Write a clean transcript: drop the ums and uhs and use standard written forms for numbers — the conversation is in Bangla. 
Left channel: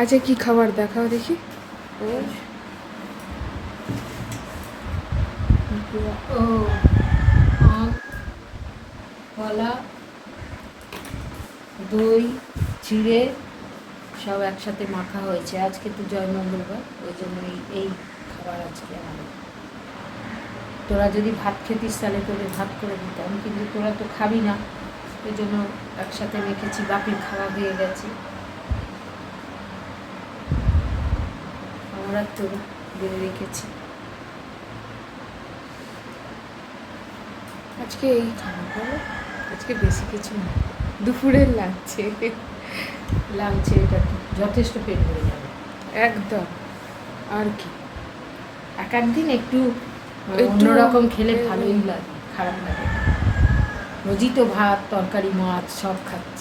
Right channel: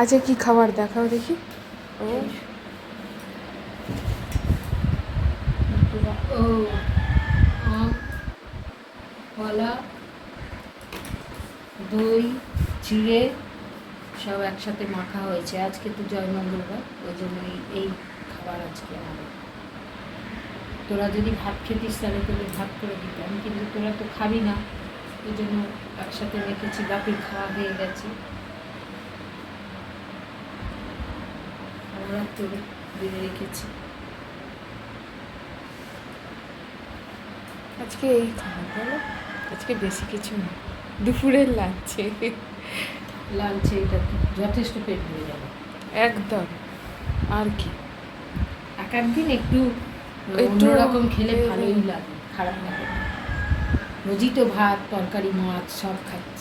আচ্ছা কি খাবার দেখাও দেখি। ও ও আম, কলা, দই, চিড়ে সব একসাথে মাখা হয়েছে। আজকে তো জয় মঙ্গলবার, ওই জন্য এই খাবার আজকে আমাদের। তোরা যদি ভাত খেতিস তাহলে তোদের ভাগ করে দিতাম, কিন্তু তোরা তো খাবি না, ওই জন্য একসাথে রেখেছি। বাপির খাওয়া হয়ে গেছে, আমরা তোর দিয়ে রেখেছি। আজকে এই খাবার বলো, আজকে বেশি কিছু না, দুপুরের লাঞ্চে। লাঞ্চে এটা যথেষ্ট পেট ভরে যাবে একদম। আর কি এক একদিন একটু একটু অন্যরকম খেলে ভালোই লাগে, খারাপ লাগে না। রোজই তো ভাত তরকারি মাছ সব খাচ্ছি।